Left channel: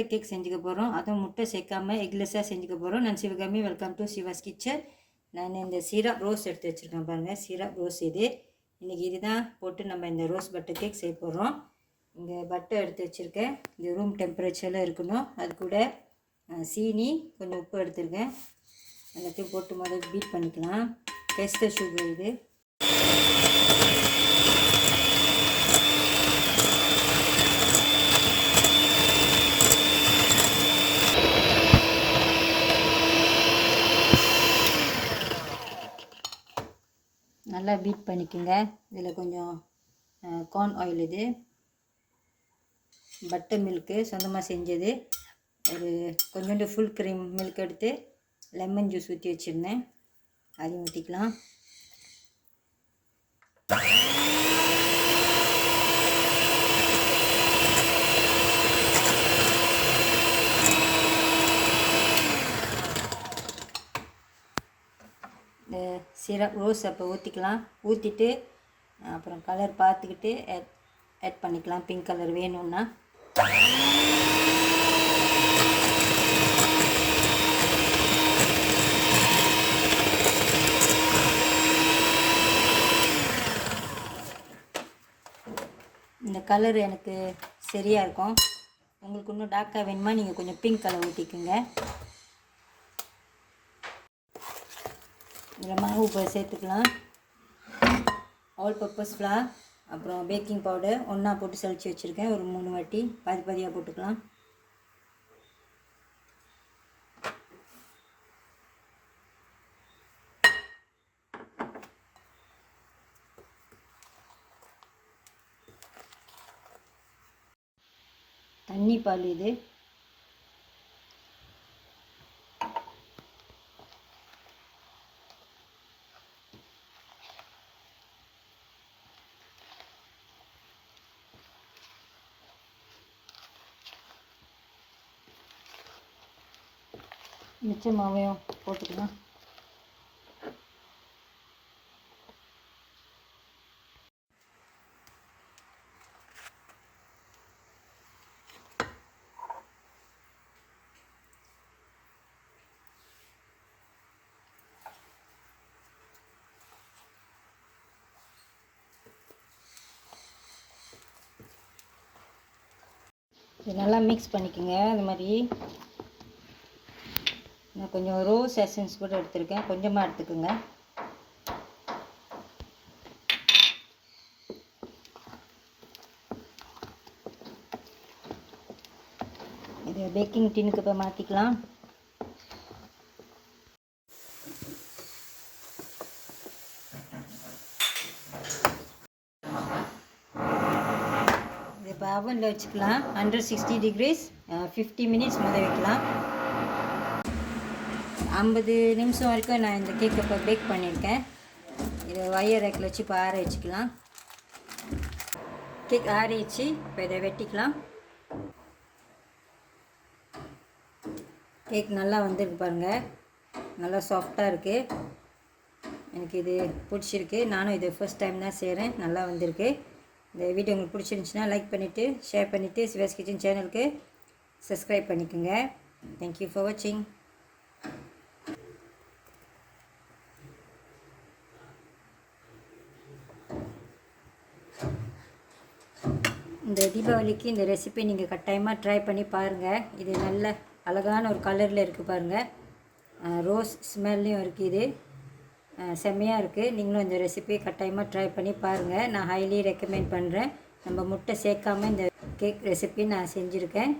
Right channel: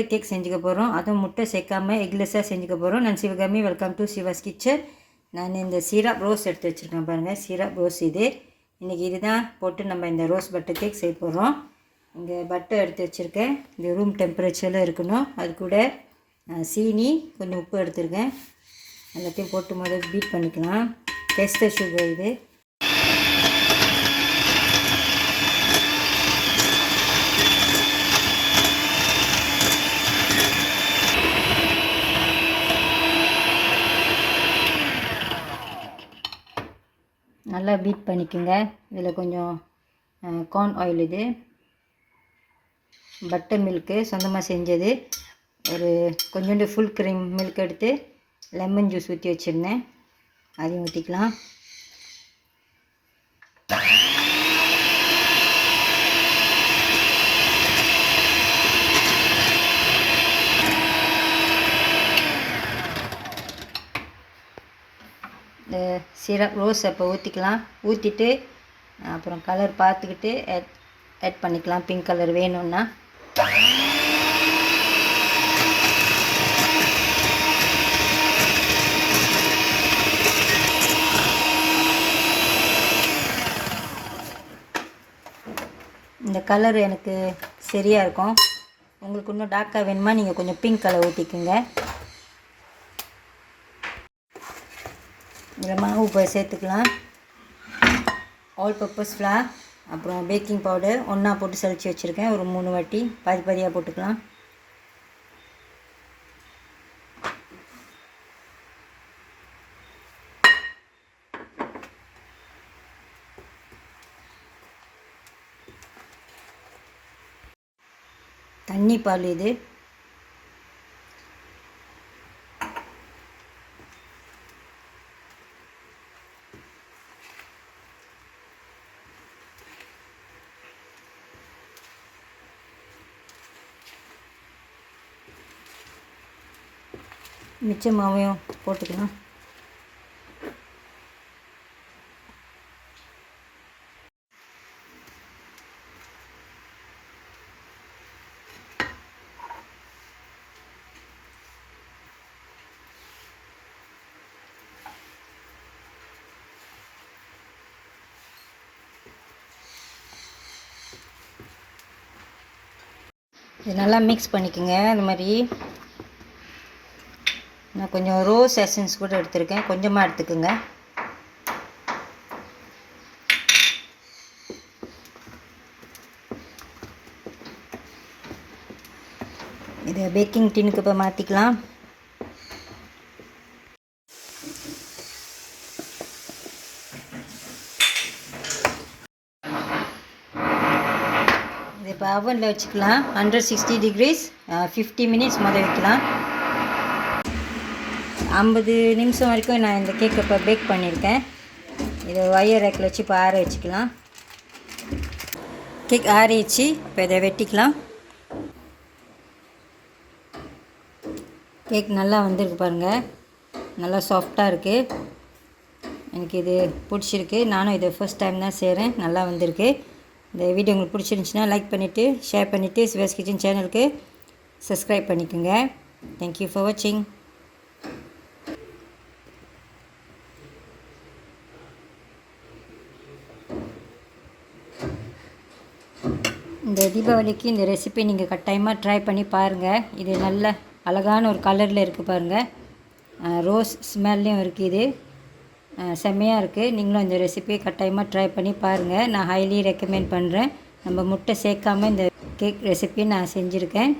Butter cake செஞ்சுக்க போகிறோம். அதுவும் முட்டை சேர்க்காமல் எக்லெஸ்ஸாக செஞ்சுக்க போகிறோம். நான் Sivakami, welcome to Siva's kitchen. நான் இந்த சிரப் ரோஸ் எடுத்து வச்சுருக்கேன் பாருங்கள். சிரப் ரோஸ் இது இன்றைக்கி இதுதான் போட்டு நம்ம இந்த ரோஸ் பட்டர் கேக் செய்ய போகிறோம். இங்கே பட்டர் எடுத்து வச்சுருக்கேன். இந்த ரூம் டெம்பரேச்சரில் இருக்கணும். அது கூட சீனி, கொஞ்சம் உப்பு எடுத்துருக்கேன். எல்லாத்தையும் போட்டு முதல்ல பீட் பண்ணிக்கலாம். டெஸ்டர் சுகர் இது. நல்லா பீட் பண்ணிக்கோங்க. இதில் கொஞ்சம் கார்ன் ஆயில், இது பட்டர் மில்க்கு சொந்தமாக செஞ்சது. ஒரு கொஞ்சோண்டு ஃபுல் க்ரீம் மில்க் எடுத்து லெமன் ஜூஸ் ஊற்றி வச்சுருந்தேன். அதையும் ஊற்றிக்கலாம். இந்த சிரப் ரோஸ் அப்போ ஊற்றிக்கலாம். ஊற்றிட்டு அப்புறம் கலர் பார்த்துக்கிட்டு ஆட் பண்ணிக்கலாம். பிங்க் கலர் வேணும்னா. இந்த கலர் எனக்கு சரியாக இருக்கும். உங்களுக்கு இன்னும் டார்க்காக வேணுமா நீங்கள் கொஞ்சம் பிங்க் கலர் ஊற்றிக்குங்க. இதில் மாவு இப்போ சேர்த்துக்கலாம். ஆல் பர்பஸ் ஃப்ளார், அப்புறம் பேக்கிங் பவுடர் ஒன்றா போட்டு சளிச்சு வச்சுருக்கேன். ஒரு 3 வாட்டி பாதி பாதியாக போட்டுக்கலாம். தண்ணி பால் இது. மிச்ச மாவையும் போட்டுக்கலாம். இது நல்லா மிக்ஸ் பண்ணிக்கோங்க. இந்த மாதிரி நான் கொஞ்சம் ரோஸ் எசன்ஸ் கூட எடுத்துருக்கேன். கொஞ்சமாக எடுத்துக்கோங்க. இதை பேக்கிங் டின்னுக்கு இப்போ மாற்றிக்கலாம். இதை இப்போ அவனில் வச்சுக்கலாம். 160 டிகிரிஸ் 50 மினிட்ஸ் முதல் வைக்கலாம். 50 நிமிஷம் வரைக்கும் நான் இந்த கேக்கை இப்போ பேக் பண்ணியிருக்கேன். இதை ஒயர் ரேக்கில் வச்சு இப்போ ஆற வச்சுக்கலாம். கேக் ஆறிச்சு. இப்போ இதை வெட்டிக்கலாம். கேக் நல்லா வந்திருக்கு பாருங்கள். நல்லா சாஃப்டாக இருக்குது. எனக்கு இது பிடிச்சிருக்கு. நானும் இதை ஃபர்ஸ்ட் டைம் தான் செய்கிறேன். நல்லா வந்திருக்கு. இந்த வீடியோ உங்களுக்கு பிடிச்சிருந்துச்சின்னா லைக் பண்ணிவிட்டு ஷேர் பண்ணிவிட்டு சிவாஸ் கிச்சன் சேனலுக்கு சப்ஸ்கிரைப் பண்ணிக்கோங்க. தேங்க்யூ ஃபார் வாட்சிங். இந்த தீபாவளிக்கு இந்த ரெசிபி நீங்கள் கட்டாயமாக ட்ரை பண்ணி பாருங்கள். இது நல்ல அழகான ஒரு கலரில் இருக்குது பாருங்கள். ரோஸ் ஸ்மெல்லையும் இருக்குது. இது செம்மையாக இருக்குது. நீங்களும் இந்த ரெசிபியை கட்டாயமாக ட்ரை பண்ணி பாருங்கள். நான் ஹைலி ரெக்கமெண்ட் பண்ணுறேன். நம்ம முட்டை சேர்க்காமல் இந்த கேக் ரெசிபி நான் செஞ்சுருக்கேன்.